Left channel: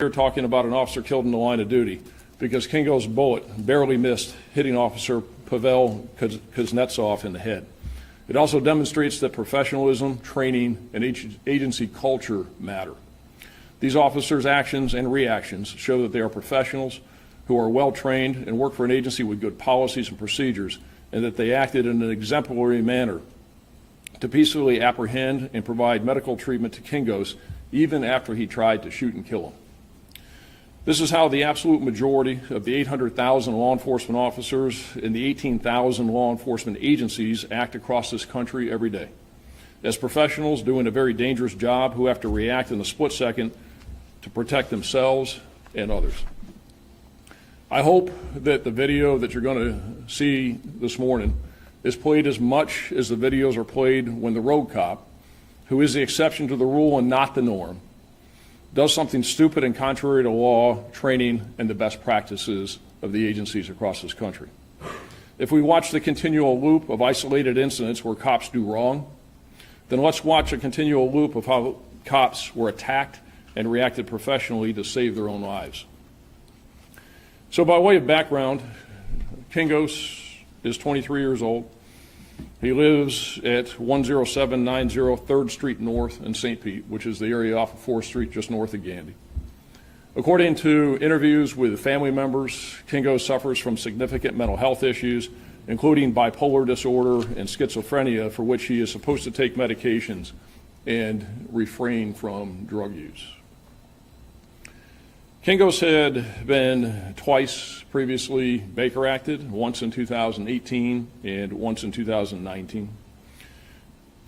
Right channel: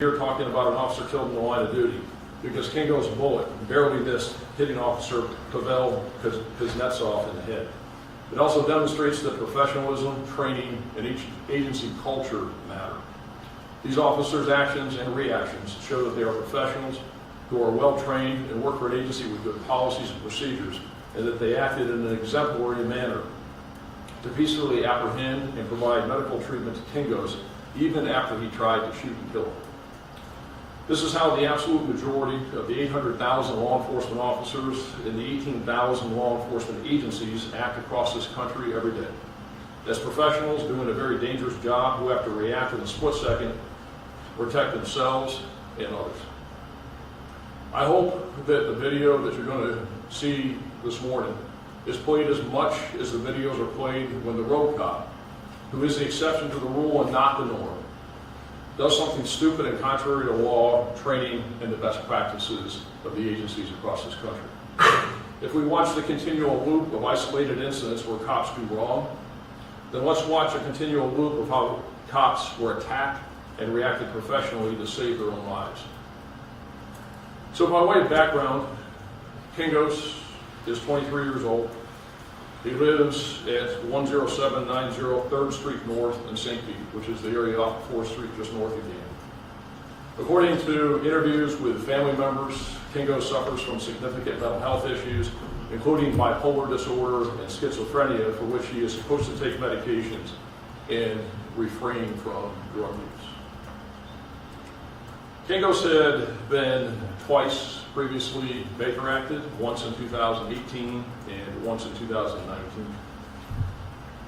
We're talking about an officer killed in the line of duty because Kingo's bullet barely missed hitting Officer Pavel Kuznetsov in the head. It also demonstrates that professionalism, training, and agency culture matter. These officers' actions and reactions show that they are professionals who are well trained and work for an agency with good policies and procedures, and that they acted in an exemplary manner to peacefully apprehend and provide medical treatment to Kingos even after he tried to shoot and kill him. This is how the absolute majority of the 800,000 law enforcement officers in the 18,000 law enforcement agencies act across this country every day. As professionals doing a very dangerous job who have to react in a split second to protect themselves and others. I hope that the video that you're going to see this morning is played as much as the videos are played when the road cop, who is the exception to the rule and not the norm, does something stupid and contrary to law, training, and the best practices of the agencies across this country. If we watch the continual loop of isolated incidents where cops do wrong, then let's watch a continual loop of how cops were attacked and reacted professionally to save their own lives. So by way of background, Kingos is 23 years old. He lives at 10790 3rd Street North in St. Pete, which is the area off of 4th Street just north of Gandy. According to interviews with family members, Kingo suffers from significant mental health issues, including bipolar disorder and schizophrenia, for which he is supposed to take medications and refrain from drug use. Kingos had been twice previously Baker acted, once in 2018 and once in 2019.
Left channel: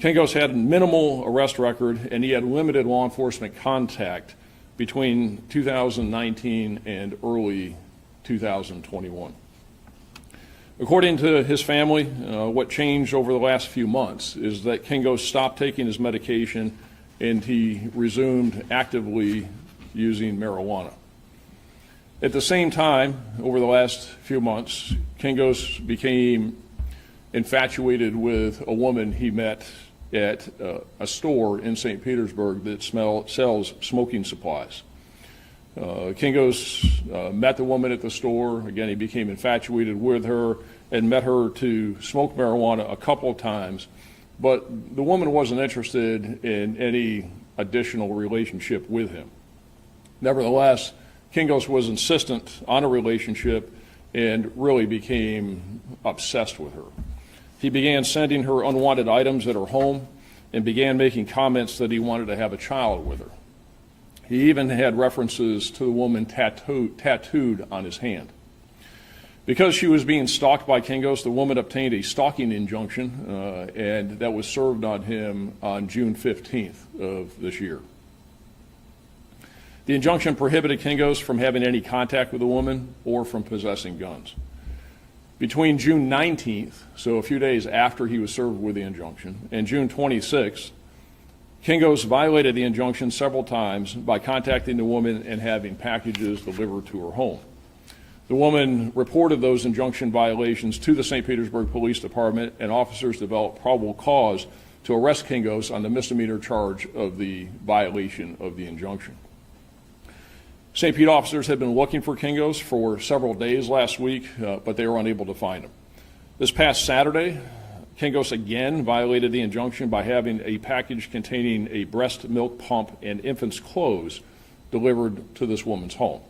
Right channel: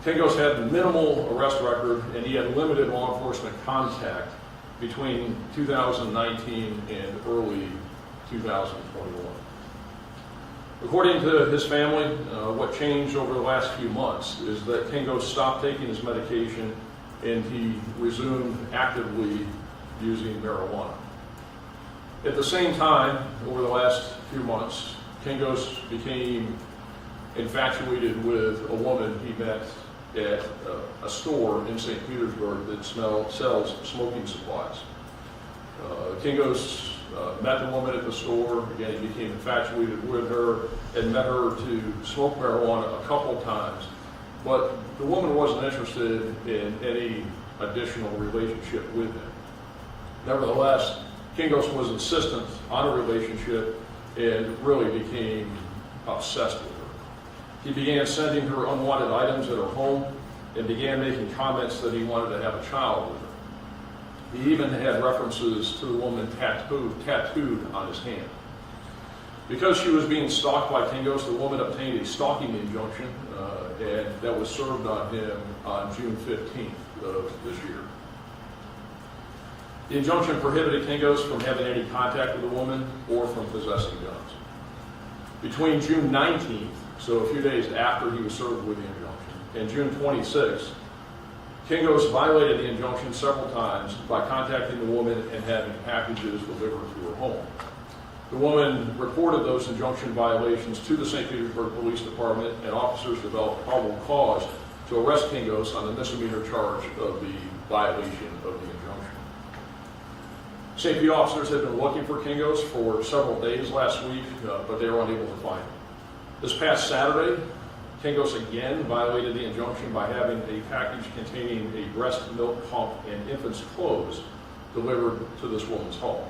Kingos had minimal arrest record, and he had limited law enforcement contact between 2019 and early 2021. According to his family, what changed over the last few months is that Kingos stopped taking his medication and he resumed actively using marijuana. At the same time, over the last few months, Kingos became infatuated with a woman he met at a store in St. Petersburg that sells smoking supplies. Kingos met the woman at the store. Again, he became infatuated with her and met her to smoke marijuana a couple of times, but the woman wasn't interested in any additional relationship with him. Nevertheless, Kingos was insistent on a relationship and really became obsessed with her. He began sending her unwanted items at her home and began making comments that he wanted to have a child with her. He even had references to the woman tattooed on his hand. Because she was being stalked by Kingos, the woman obtained a stalking injunction, and that was served on him on June 15th of this year. The injunction prohibited Kingos from having any contact with the woman or from possessing guns. Between June 19th, so a few days after he was served with the injunction, and June 26th, Kingos violated the injunction several times by contacting the woman and having packages delivered to her home. The woman reported those injunction violations to the St. Petersburg Police Department, and officers developed probable cause to arrest Kingos on the misdemeanor charge of the violation of the injunction. St. Pete officers had been looking for Kingos for several days last week, but they were unable to find him. This past Saturday, Kingos again violated the injunction by having a package containing a breast milk pump and infant's clothes delivered to this woman's home.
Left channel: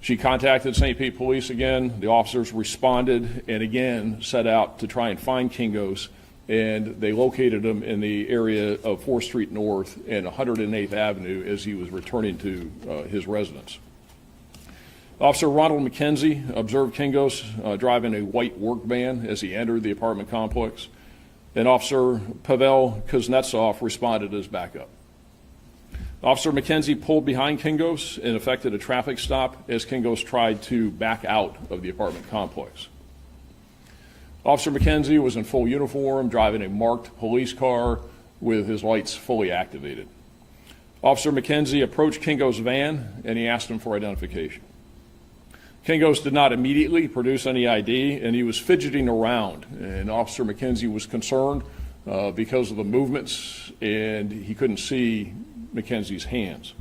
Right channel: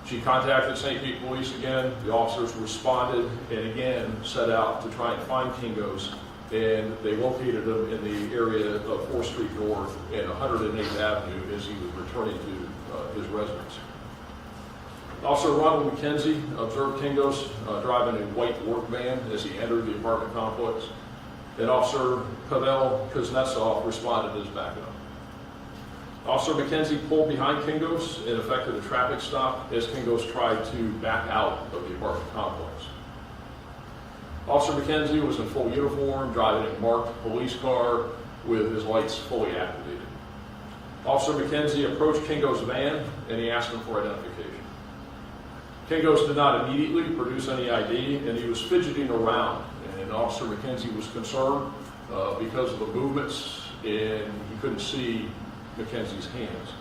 She contacted St. Pete Police again. The officers responded and again set out to try and find Kingos, and they located him in the area of 4th Street North and 108th Avenue as he was returning to his residence. Officer Ronald McKenzie observed Kingos driving a white work van as he entered the apartment complex, and Officer Pavel Kuznetsov responded as backup. Officer McKenzie pulled behind Kingos and effected a traffic stop as Kingos tried to back out of the apartment complex. Officer McKenzie was in full uniform, driving a marked police car with his lights fully activated. Officer McKenzie approached Kingos' van and he asked him for identification. Kingos did not immediately produce any ID, and he was fidgeting around, and Officer McKenzie was concerned because of the movements, and he couldn't see McKenzie's hands.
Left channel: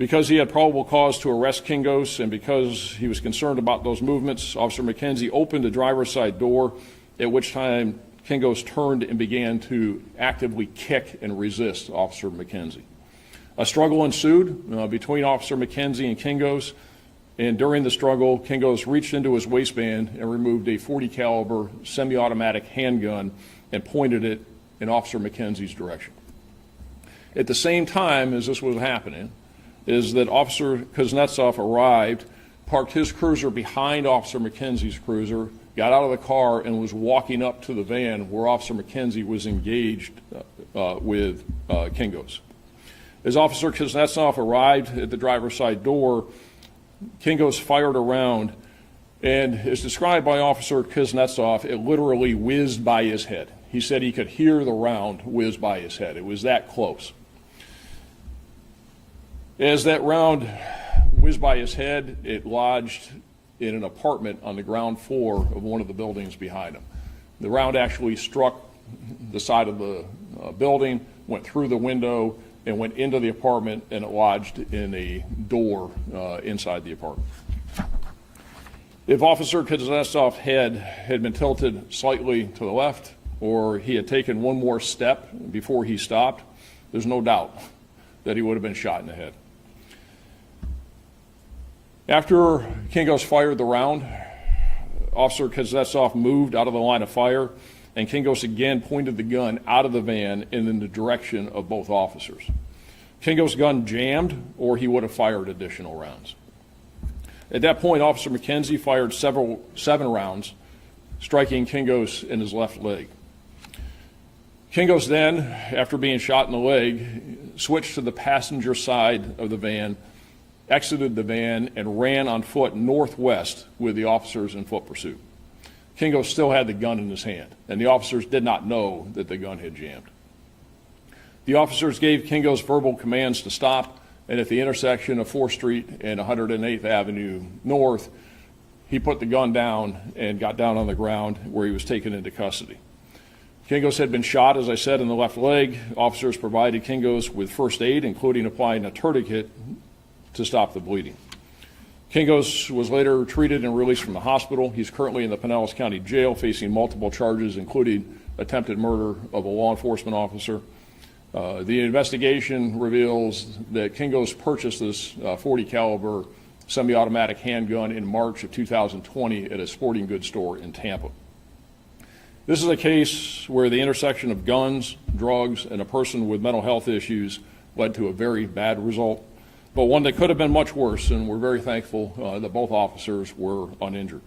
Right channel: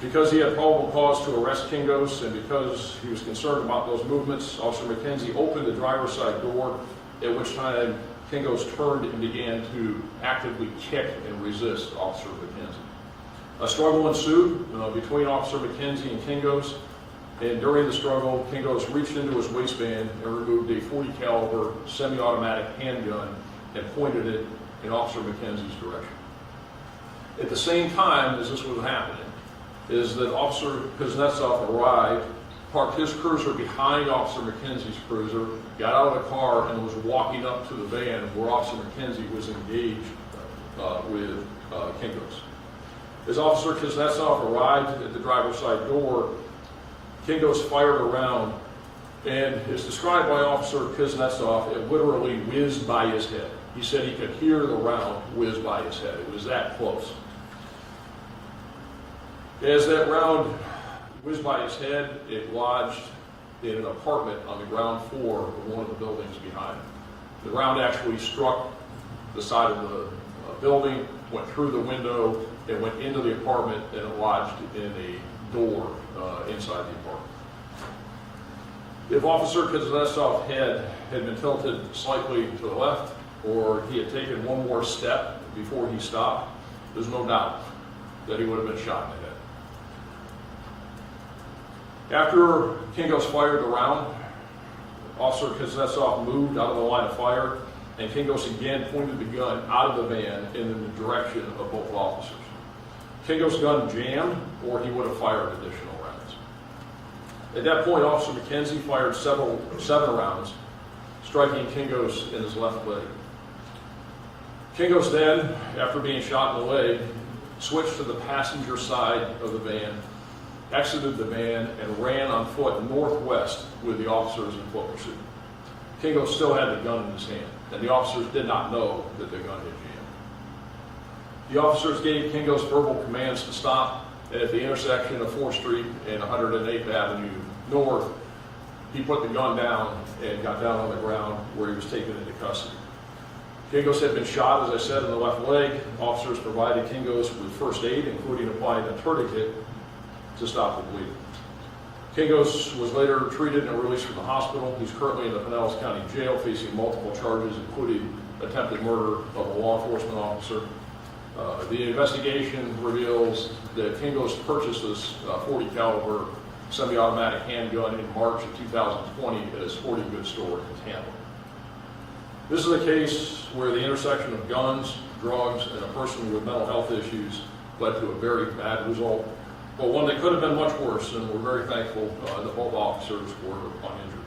Because he had probable cause to arrest Kingos and because he was concerned about those movements, Officer McKenzie opened the driver's side door, at which time Kingos turned and began to actively kick and resist Officer McKenzie. A struggle ensued between Officer McKenzie and Kingos, and during the struggle, Kingos reached into his waistband and removed a .40 caliber semi-automatic handgun and pointed it in Officer McKenzie's direction. At the same time as this was happening, is that Officer Kuznetsov arrived, parked his cruiser behind Officer McKenzie's cruiser, got out of the car, and was walking up to the van where Officer McKenzie was engaged with Kingos. As Officer Kuznetsov arrived at the driver's side door, Kingos fired a round, and as described by Officer Kuznetsov, it literally whizzed by his head. He said he could hear the round whiz by his head. It was that close. As that round whizzed by his head, it lodged in an apartment on the ground floor of one of the buildings behind him. The round actually struck the side of the building, went through the window, and went into the apartment, and it lodged in a door inside the apartment. If Officer Kuznetsov's head had been tilted slightly to the left, or he had taken one more step before he stopped, there's no doubt that he would have been shot in the head. After Kingos fired the round, Officer Kuznetsov moved out of the line of fire, and Kingos again pointed the gun out of the van and in the direction of both officers. Kingos' gun jammed, or he would have fired additional rounds. At that point, Officer McKenzie fired seven rounds, striking Kingos in his left leg. Kingos then, after being shot in the leg, switched to the passenger side of the van, exited the van, and ran on foot northwest with the officers in foot pursuit. Kingos still had the gun in his hand, and the officers did not know that the gun had jammed. The officers gave Kingos verbal commands to stop, and at the intersection of 4th Street and 108th Avenue North, he put the gun down and got down on the ground where he was taken into custody. Kingos had been shot, as I said, in the left leg. Officers provided Kingos with first aid, including applying a tourniquet to stop the bleeding. Kingos was later treated and released from the hospital. He's currently in the Pinellas County Jail facing multiple charges, including attempted murder of a law enforcement officer. The investigation reveals that Kingos purchased this .40 caliber semi-automatic handgun in March of 2020 at a sporting goods store in Tampa. This is a case where the intersection of guns, drugs, and a person with mental health issues led to a very bad result, but one that could have been much worse, and we're very thankful that both officers were uninjured.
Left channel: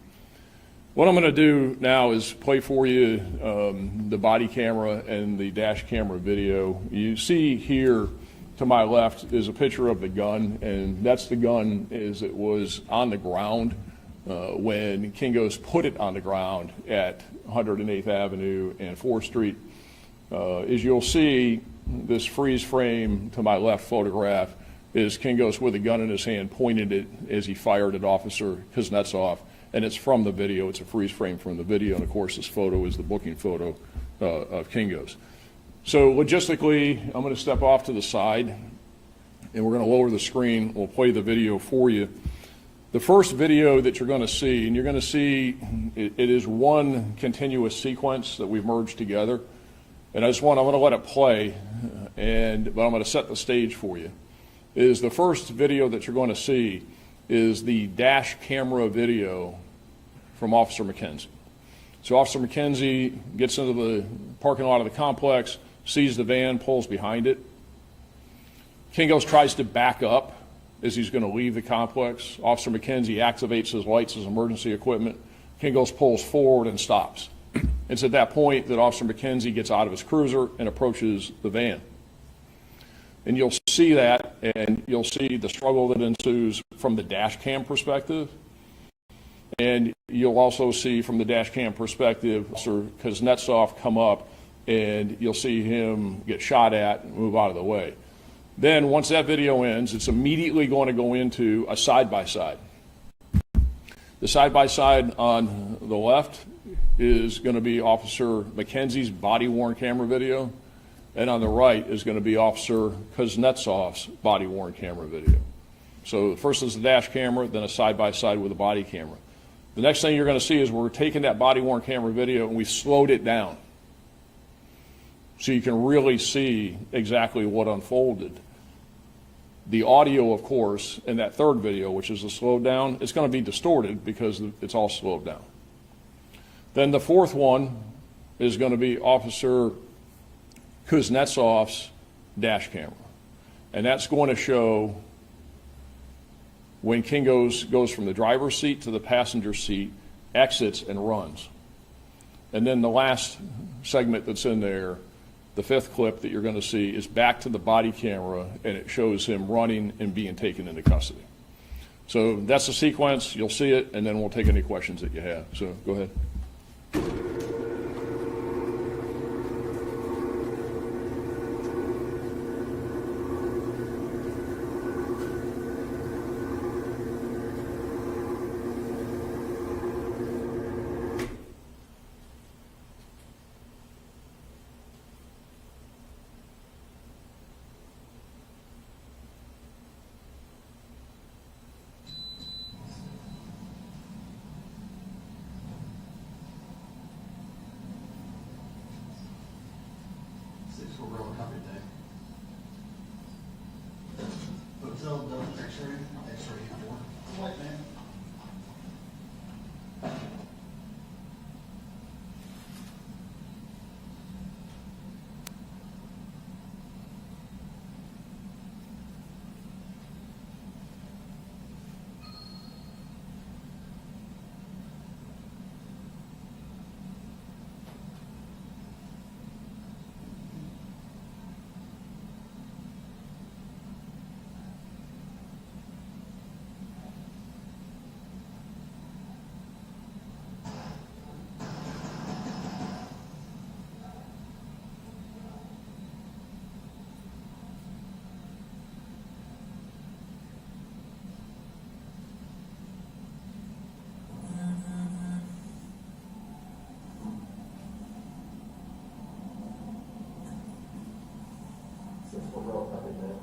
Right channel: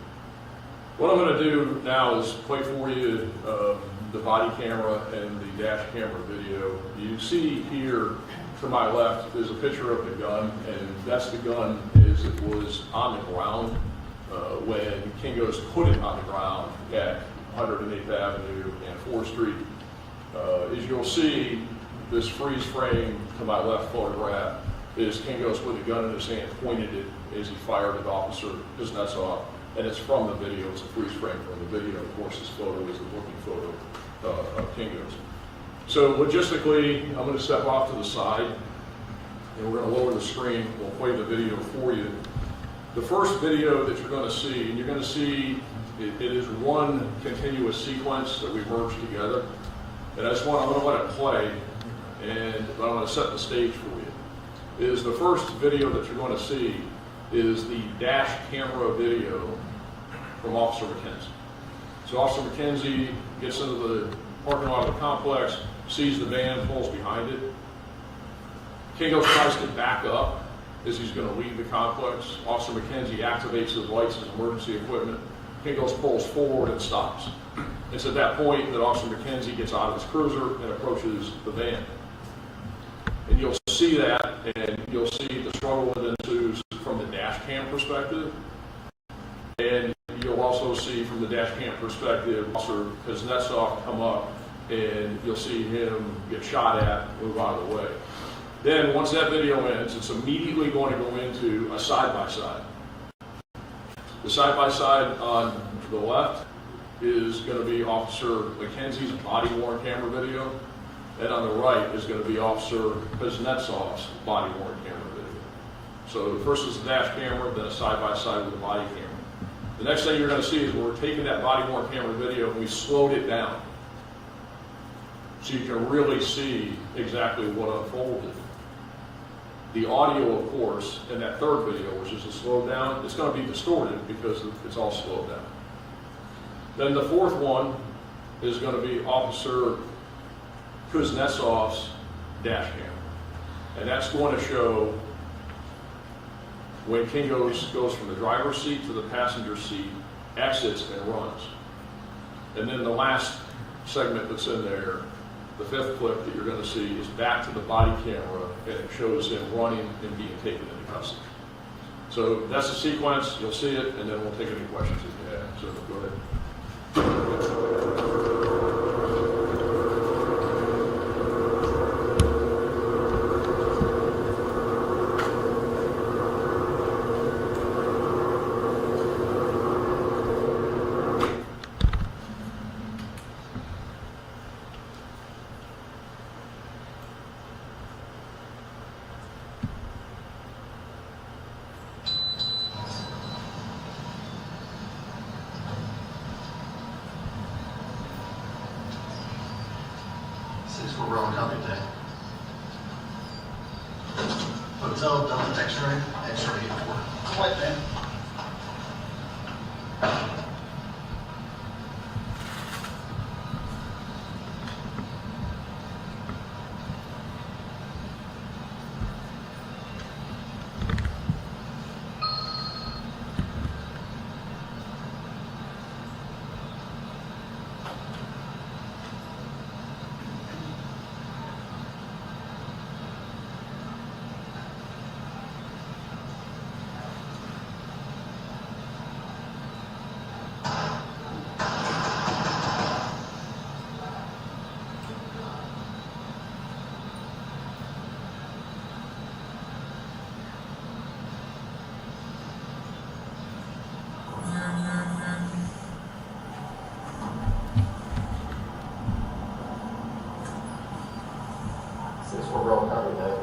What I'm going to do now is play for you the body camera and the dash camera video. You see here to my left is a picture of the gun, and that's the gun as it was on the ground when Kingos put it on the ground at 108th Avenue and 4th Street. As you'll see, this freeze frame to my left photograph is Kingos with a gun in his hand, pointed it as he fired at Officer Kuznetsov. And it's from the video. It's a freeze frame from the video. And of course, this photo is the booking photo of Kingos. So logistically, I'm going to step off to the side, and we're going to lower the screen. We'll play the video for you. The first video that you're going to see, and you're going to see it is one continuous sequence that we've merged together. And I'm going to let it play, but I'm going to set the stage for you. Is the first video that you're going to see is the dash camera video from Officer McKenzie. So Officer McKenzie gets into the parking lot of the complex, sees the van, pulls behind it. Kingos tries to back up as he's going to leave the complex. Officer McKenzie activates his lights, his emergency equipment. Kingos pulls forward and stops. It's at that point that Officer McKenzie gets out of his cruiser and approaches the van. And you'll see that, and you'll see the struggle that ensues from the dash cam perspective. And you'll also see from the dash cam perspective, Officer Kuznetsov come up, and you'll see him get shot at and move out of the way. Then once that video ends, it's immediately going to go into a side-by-side. The side-by-side on the left is going to be Officer McKenzie's body-worn camera video. And on the right is going to be Officer Kuznetsov's body-worn camera video. So the first is the dash camera, then a side-by-side with the body camera. The next thing you're going to see is we're taking that body-worn camera video and we've slowed it down. So you can really see exactly what unfolded. The audio, of course, in that third video, which is the slowed down, it's going to be distorted because it's all slowed down. Then the fourth one is going to be Officer Kuznetsov's dash camera. And that's going to show when King goes from the driver's seat to the passenger seat, exits and runs. And then the last segment that's in there, the fifth clip that you're going to see, is back to the body camera, and it shows him running and being taken into custody. So that's the sequence. You'll see it, and then we'll take any questions that you have. So go ahead. We're rolling company today. Hotel, Delta, X-ray, X-ray 4. White man. We're rolling company today.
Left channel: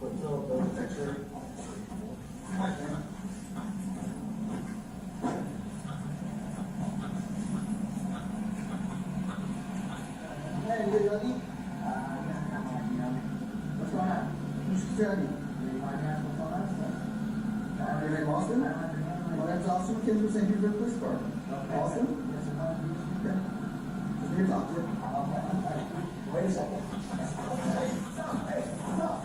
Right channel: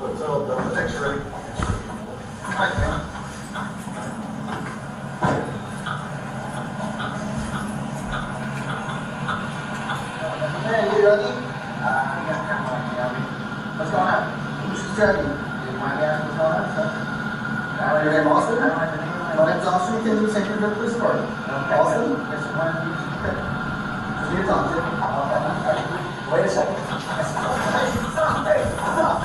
Hotel, Delta, X-ray. White man. Hey, you ready? What's going on? Who's studying? Do you mind asking what's going on, sir? Your name Austin? My name's Austin. Can you send your police card? Okay. Austin? Yes, okay. You're talking to. Wait a second. Hey, stop! Hey, stop!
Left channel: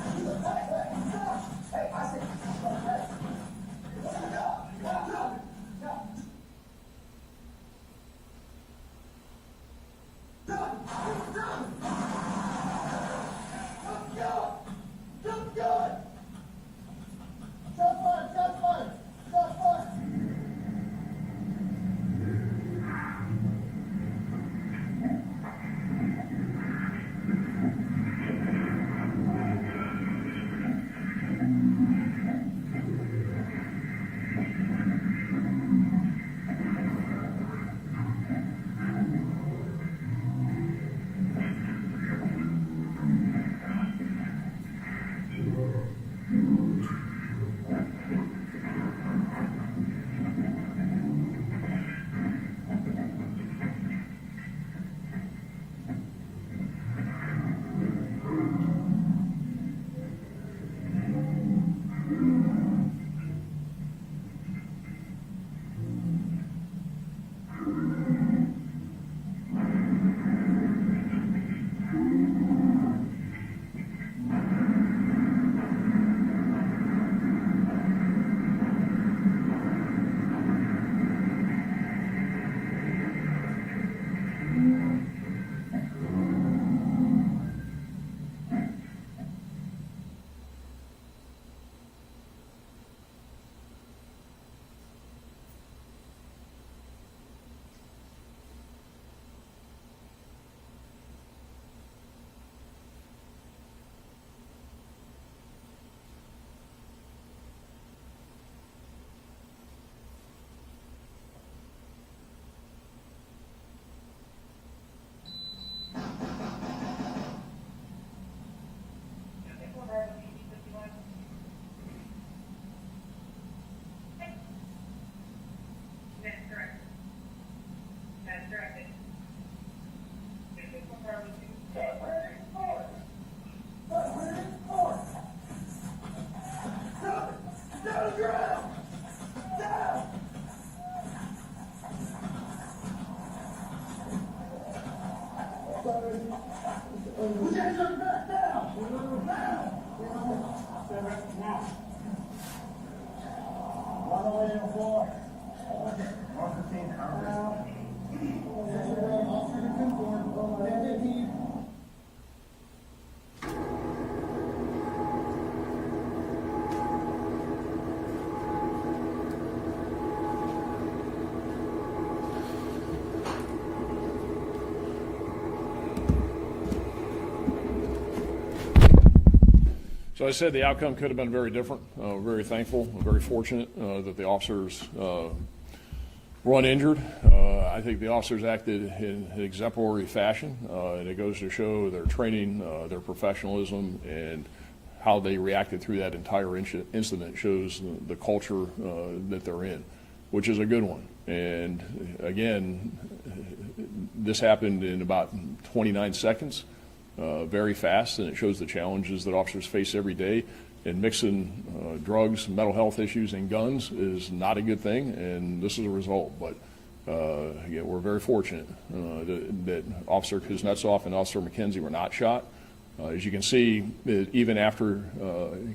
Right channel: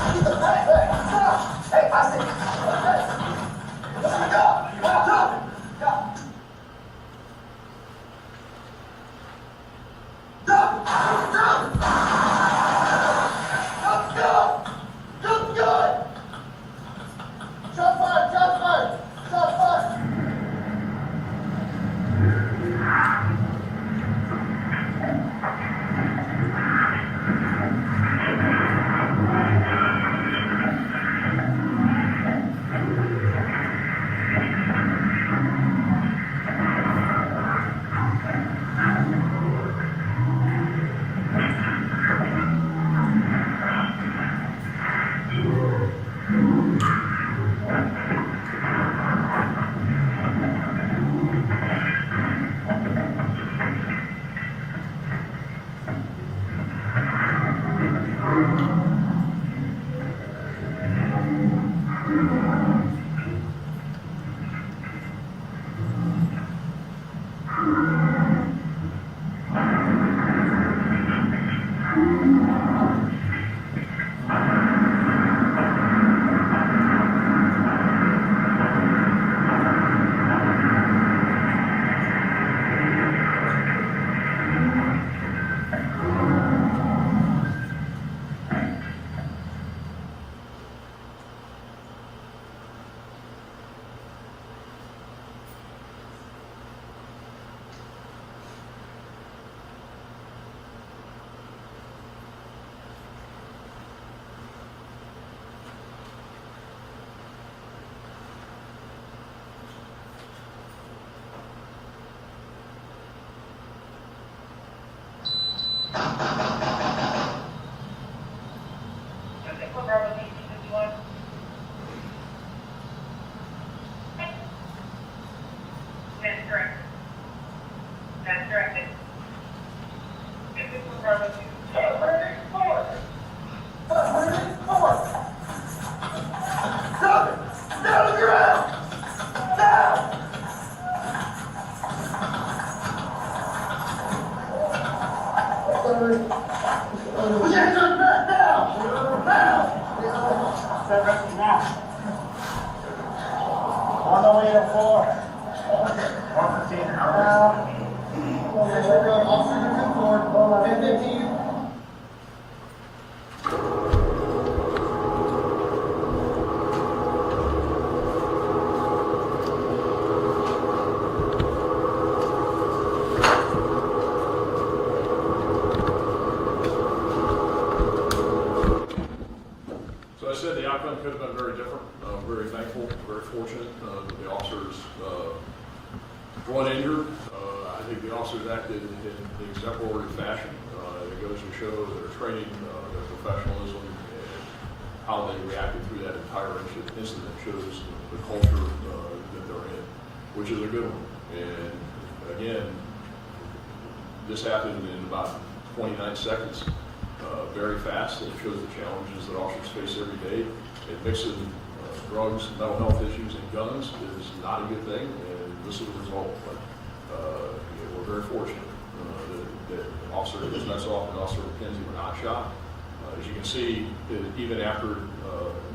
Hey, Austin! Hey! Stop! Stop! Stop! Put your hands on your back now! Now! On the way to 4. 115. Officer, 10-15. So I said the outcome could have been very different. Very thankful, very fortunate that the officers were uninjured. I think the officers acted in exemplary fashion. It goes to show their training, their professionalism, and how they reacted through that entire incident shows the culture that they're in, which is a good one. And again, this happened in about 29 seconds. Very fast, and it shows the challenges that officers face every day. And mixing drugs, mental health issues, and guns is not a good thing, and this is a result. But again, we're very fortunate that Officer Kuznetsov and Officer McKenzie were not shot. As you can see, even after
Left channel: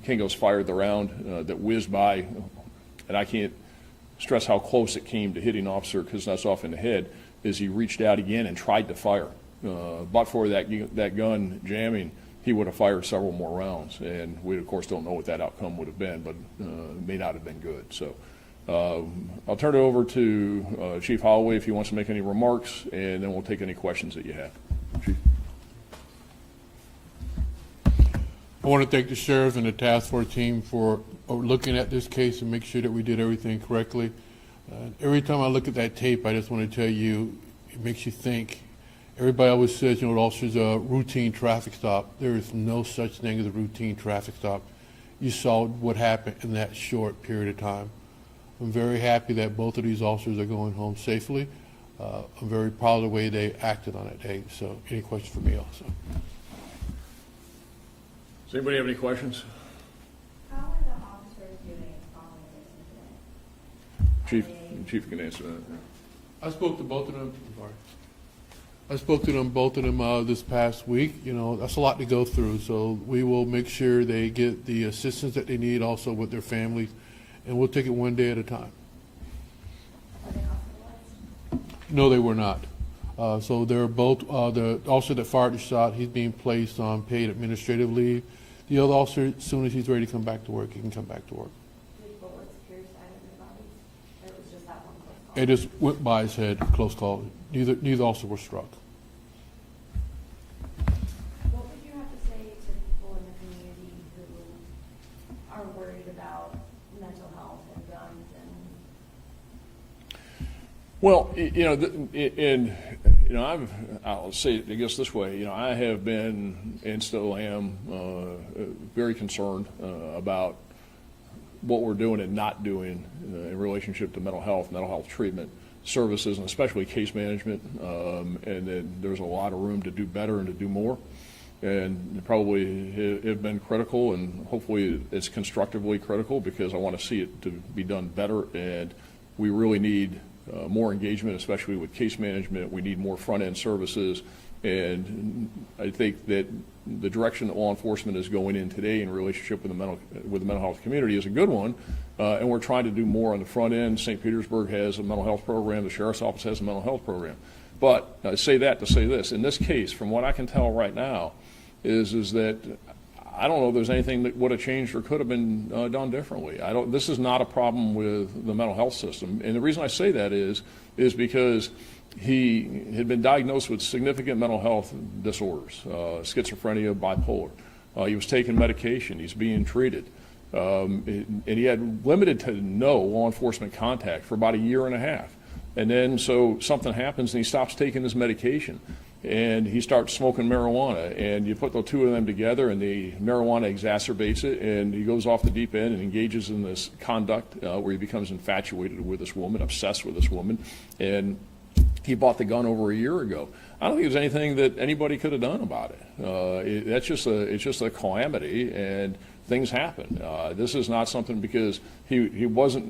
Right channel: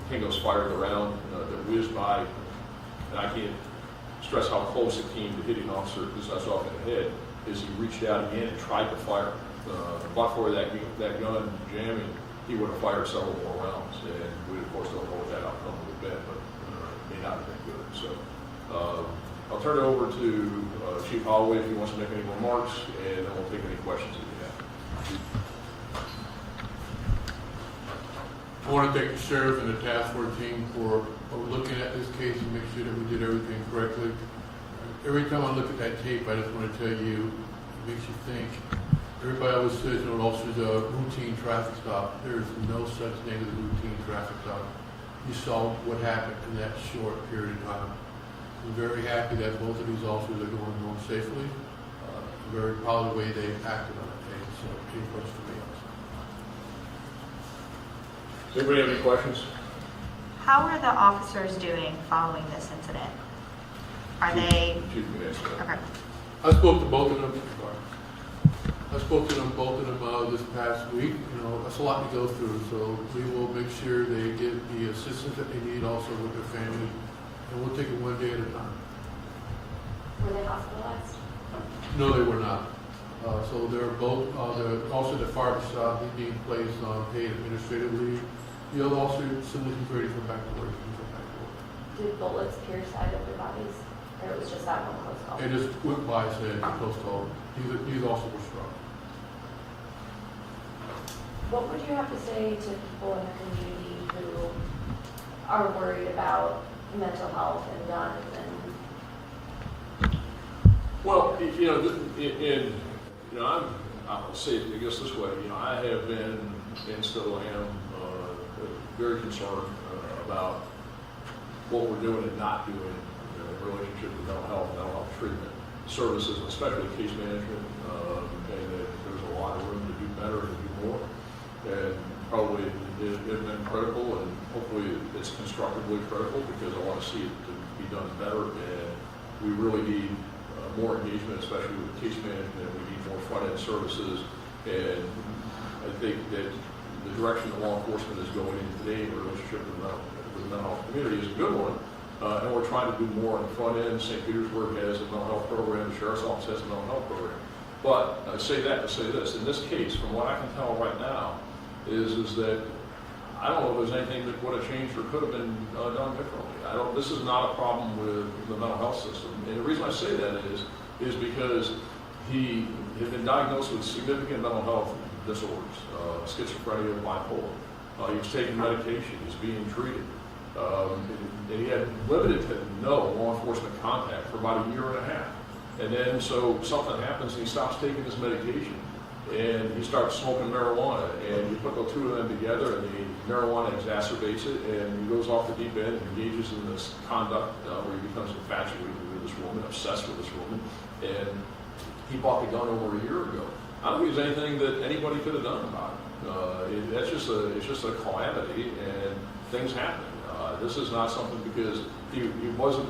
Kingo's fired the round that whizzed by, and I can't stress how close it came to hitting Officer Kuznetsov in the head, is he reached out again and tried to fire. But for that gun jamming, he would have fired several more rounds, and we of course don't know what that outcome would have been, but it may not have been good. So I'll turn it over to Chief Holloway if he wants to make any remarks, and then we'll take any questions that you have. I want to thank the sheriff and the task force team for looking at this case and make sure that we did everything correctly. Every time I look at that tape, I just want to tell you, it makes you think. Everybody always says, officers, a routine traffic stop. There is no such thing as a routine traffic stop. You saw what happened in that short period of time. I'm very happy that both of these officers are going home safely. I'm very proud of the way they acted on it, Dave. So, any questions for me, officer? Does anybody have any questions? How are the officers doing following this incident? Are they? Chief can answer that. Okay. I spoke to both of them. Both of them this past week. That's a lot to go through. So we will make sure they get the assistance that they need, also with their families, and we'll take it one day at a time. Were they hospitalized? No, they were not. So they're both. The officer that fired the shot, he's being placed on paid administrative leave. The other officer, as soon as he's ready to come back to work, he can come back to work. Did bullets pierce either of their bodies, or it was just that one close call? It just went by his head, close call. Neither officer was struck. What would you have to say to people in the community who are worried about mental health and guns and? Well, I'll say it, I guess this way. I have been and still am very concerned about what we're doing and not doing in relationship to mental health treatment services, and especially case management. And that there's a lot of room to do better and to do more. And probably have been critical, and hopefully it's constructively critical, because I want to see it to be done better. And we really need more engagement, especially with case management. We need more front-end services, and I think that the direction that law enforcement is going in today in relationship with the mental health community is a good one, and we're trying to do more on the front end. St. Petersburg has a mental health program, the Sheriff's Office has a mental health program. But say that to say this, in this case, from what I can tell right now, is that I don't know if there's anything that would have changed or could have been done differently. This is not a problem with the mental health system. And the reason I say that is because he had been diagnosed with significant mental health disorders, schizophrenia, bipolar. He was taking medication, he's being treated. And he had limited to no law enforcement contact for about a year and a half. And then so something happens and he stops taking his medication. And he starts smoking marijuana, and you put the two of them together, and the marijuana exacerbates it, and he goes off the deep end and engages in this conduct where he becomes infatuated with this woman, obsessed with this woman, and he bought the gun over a year ago. I don't think there's anything that anybody could have done about it. It's just a calamity, and things happen. This is not something, because he wasn't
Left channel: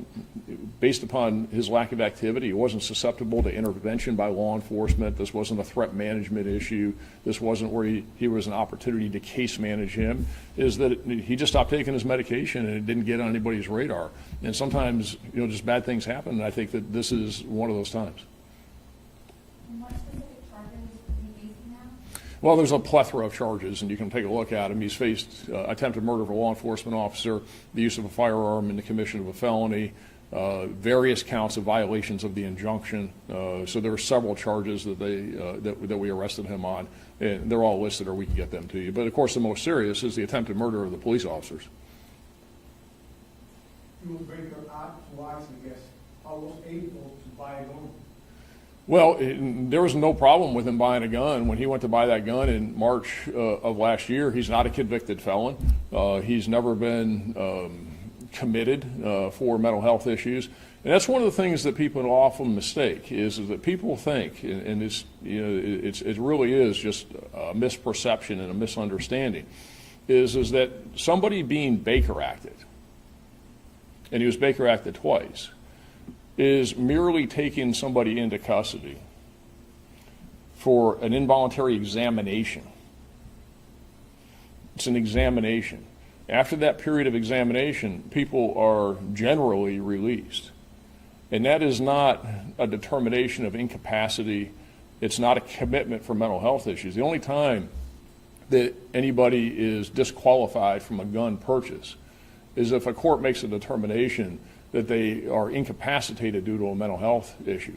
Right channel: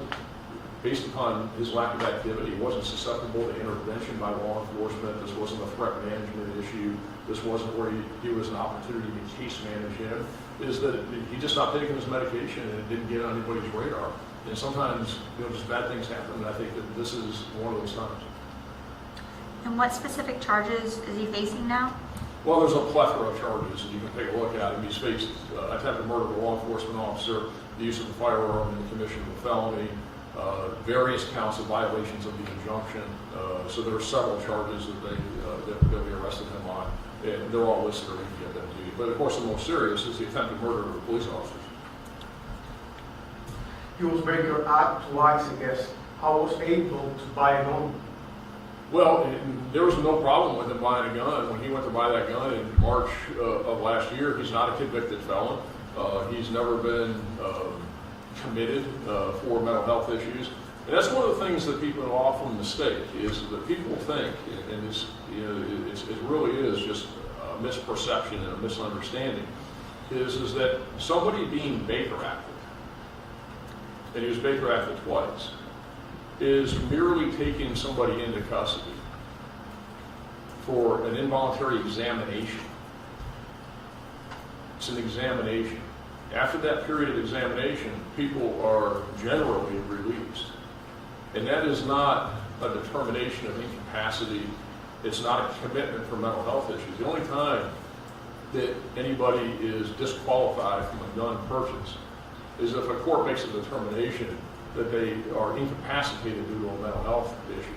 based upon his lack of activity, he wasn't susceptible to intervention by law enforcement. This wasn't a threat management issue. This wasn't where he was an opportunity to case manage him. Is that he just stopped taking his medication and it didn't get on anybody's radar. And sometimes, just bad things happen, and I think that this is one of those times. And what specific charges is he facing now? Well, there's a plethora of charges, and you can take a look at him. He's faced attempted murder of a law enforcement officer, the use of a firearm in the commission of a felony, various counts of violations of the injunction. So there were several charges that that we arrested him on. And they're all listed, or we can get them to you. But of course, the most serious is the attempted murder of the police officers. He was breaking out twice, I guess. I was able to buy a gun. Well, there was no problem with him buying a gun. When he went to buy that gun in March of last year, he's not a convicted felon. He's never been committed for mental health issues. And that's one of the things that people often mistake, is that people think, and it really is just a misperception and a misunderstanding, is that somebody being Baker acted, and he was Baker acted twice, is merely taking somebody into custody for an involuntary examination. It's an examination. After that period of examination, people are generally released. And that is not a determination of incapacity. It's not a commitment for mental health issues. The only time that anybody is disqualified from a gun purchase is if a court makes a determination that they are incapacitated due to a mental health issue.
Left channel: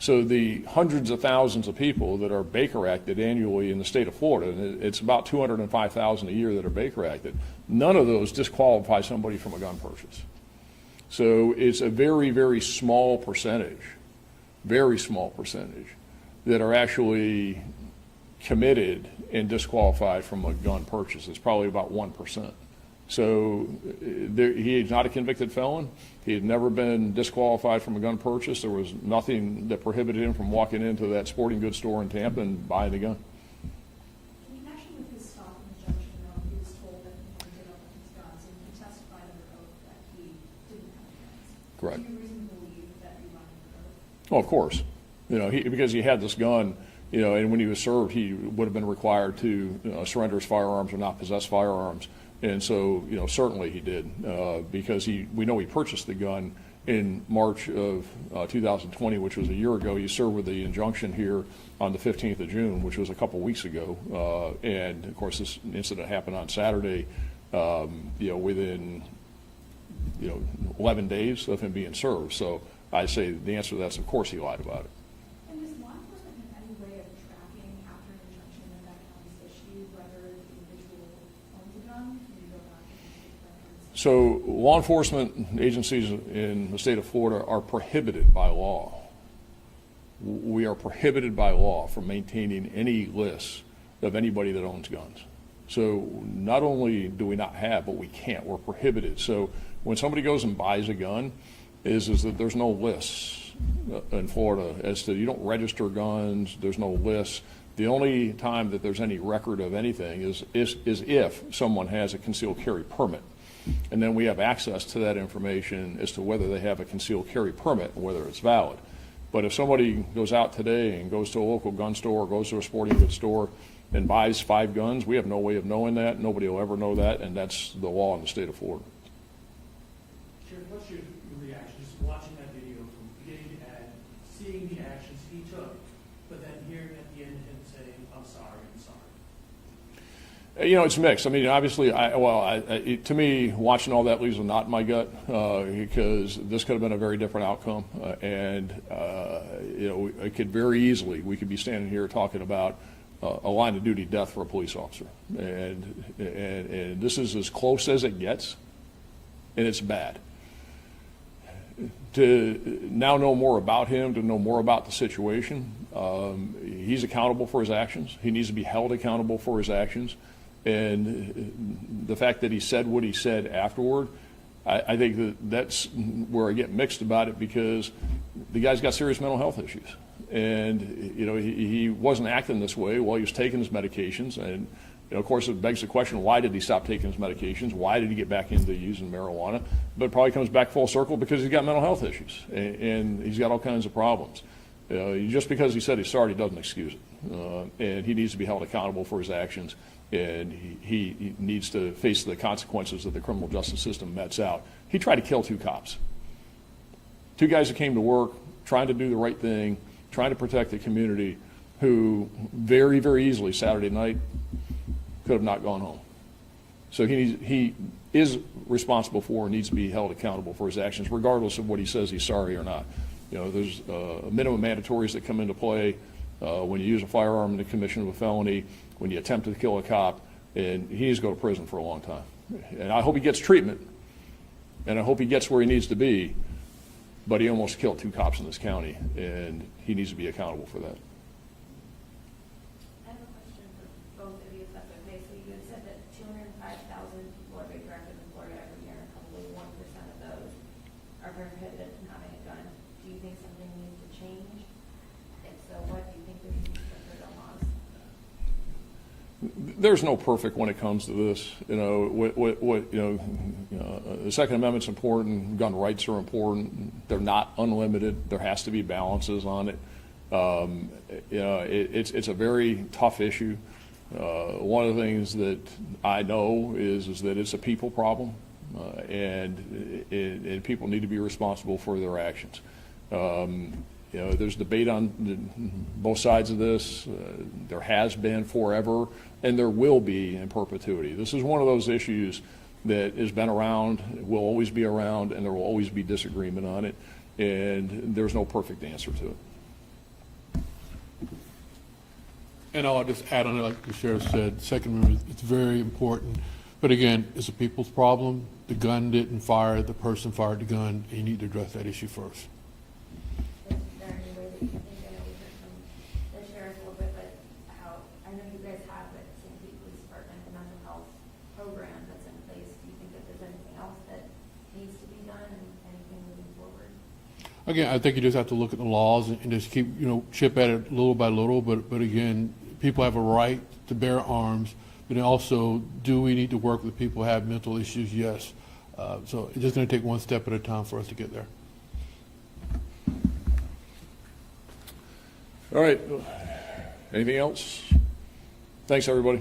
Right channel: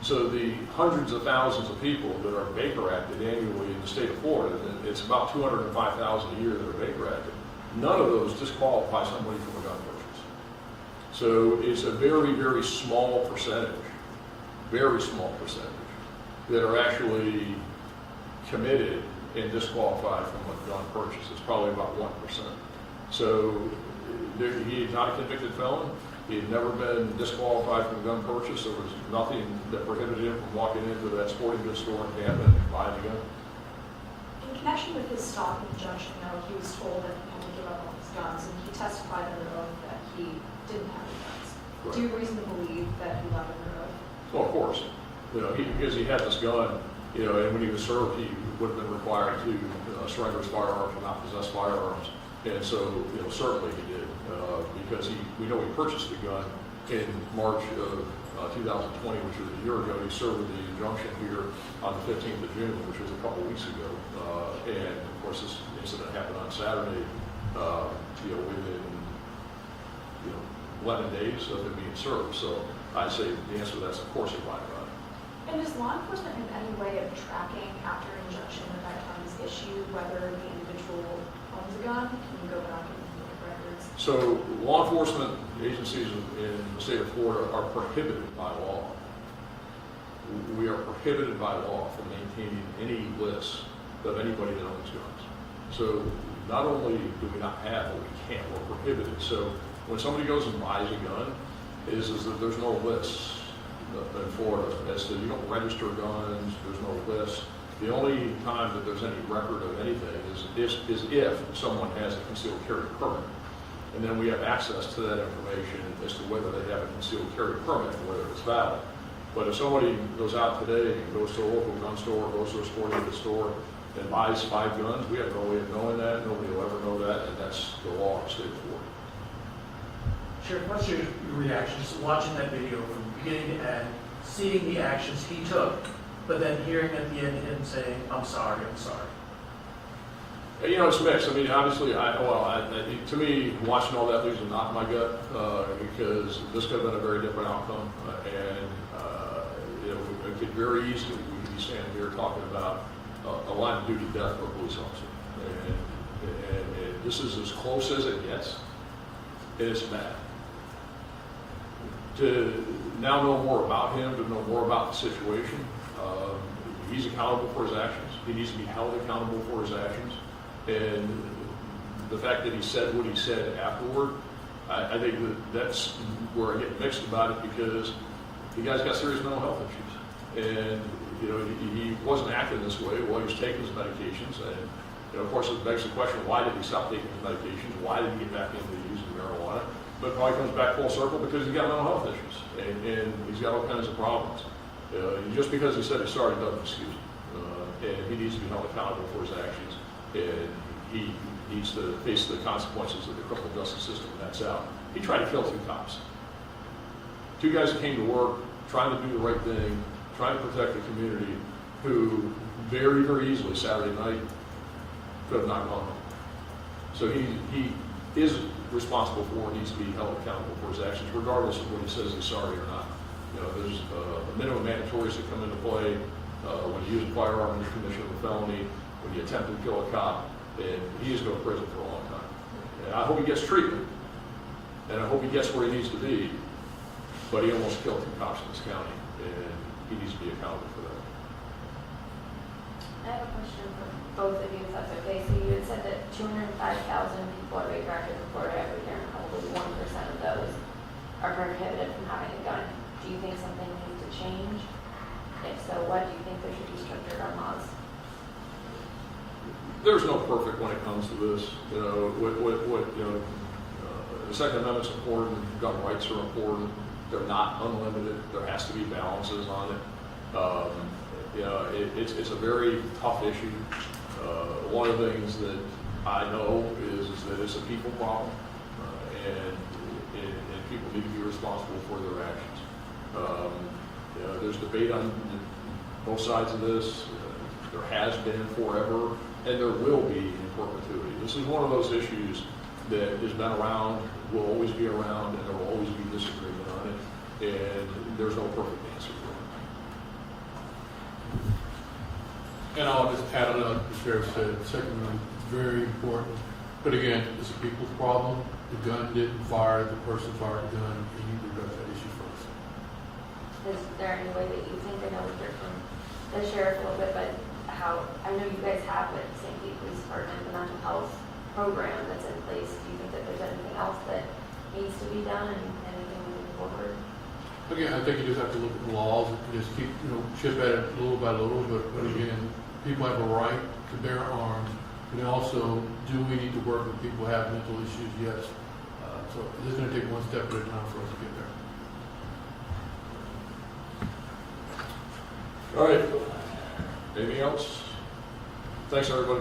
So the hundreds of thousands of people that are Baker acted annually in the state of Florida, it's about 205,000 a year that are Baker acted. None of those disqualify somebody from a gun purchase. So it's a very, very small percentage that are actually committed and disqualified from a gun purchase. It's probably about 1%. So he is not a convicted felon. He had never been disqualified from a gun purchase. There was nothing that prohibited him from walking into that sporting goods store in Tampa and buying a gun. In connection with his stop injunction, though, he was told that he had to give up all his guns, and he testified under oath that he didn't have any guns. Right. Do you reasonably believe that he lied under oath? Well, of course. Because he had this gun, and when he was served, he would have been required to surrender his firearms or not possess firearms. And so, certainly he did, because we know he purchased the gun in March of 2020, which was a year ago. He served with the injunction here on the 15th of June, which was a couple weeks ago. And of course, this incident happened on Saturday, within 11 days of him being served. So I'd say the answer to that is, of course, he lied about it. And is law enforcement in any way of tracking after injunction at that time is issued whether the individual owns a gun? Can you go back and look at records? So law enforcement agencies in the state of Florida are prohibited by law. We are prohibited by law from maintaining any lists of anybody that owns guns. So not only do we not have, but we can't. We're prohibited. So when somebody goes and buys a gun, is that there's no lists in Florida as to, you don't register guns, there's no lists. The only time that there's any record of anything is if someone has a concealed carry permit. And then we have access to that information as to whether they have a concealed carry permit and whether it's valid. But if somebody goes out today and goes to a local gun store or goes to a sporting goods store and buys 5 guns, we have no way of knowing that. Nobody will ever know that, and that's the law in the state of Florida. Sheriff, what's your reactions watching that video from beginning to end, seeing the actions he took, but then hearing at the end him saying, I'm sorry. It's mixed. I mean, obviously, to me, watching all that leaves a knot in my gut because this could have been a very different outcome. It could very easily, we could be standing here talking about a line of duty death for a police officer. And this is as close as it gets, and it's bad. To now know more about him, to know more about the situation, he's accountable for his actions. He needs to be held accountable for his actions. And the fact that he said what he said afterward, I think that's where I get mixed about it, because the guy's got serious mental health issues. And, he wasn't acting this way while he was taking his medications. And, of course, it begs the question, why did he stop taking his medications? Why did he get back into using marijuana? but probably comes back full circle because he's got mental health issues and he's got all kinds of problems. Just because he said he's sorry doesn't excuse it. And he needs to be held accountable for his actions, and he needs to face the consequences of the criminal justice system. That's out. He tried to kill 2 cops. 2 guys that came to work, trying to do the right thing, trying to protect the community, who very, very easily Saturday night could have not gone home. So he is responsible for and needs to be held accountable for his actions, regardless of what he says he's sorry or not. There's minimum mandatories that come into play when you use a firearm in the commission of a felony, when you attempt to kill a cop, and he needs to go to prison for a long time. And I hope he gets treatment, and I hope he gets where he needs to be, but he almost killed 2 cops in this county, and he needs to be accountable for that. I have a question for both of you, if that's okay. So you had said that 205,000 people are radioactive in Florida every year, and probably 1% of those are prohibited from having a gun. Do you think something needs to change? If so, what do you think there should be stricter gun laws? There's no perfect when it comes to this. The Second Amendment's important. Gun rights are important. They're not unlimited. There has to be balances on it. It's a very tough issue. One of the things that I know is that it's a people problem, and people need to be responsible for their actions. There's debate on both sides of this. There has been forever, and there will be in perpetuity. This is one of those issues that has been around, will always be around, and there will always be disagreement on it, and there's no perfect answer to it. And I'll just add on, like the sheriff said, Second Amendment, it's very important. But again, it's a people's problem. The gun didn't fire, the person fired the gun. You need to address that issue first. Is there any way that you think, I know we heard from the sheriff a little bit, but I know you guys have at St. Pete Police Department, the mental health program that's in place. Do you think that there's anything else that needs to be done and anything moving forward? Again, I think you just have to look at the laws and just keep, chip at it little by little. But again, people have a right to bear arms. Also, do we need to work with people who have mental issues? Yes. So it's just going to take one step at a time for us to get there. All right. Anything else? Thanks, everybody.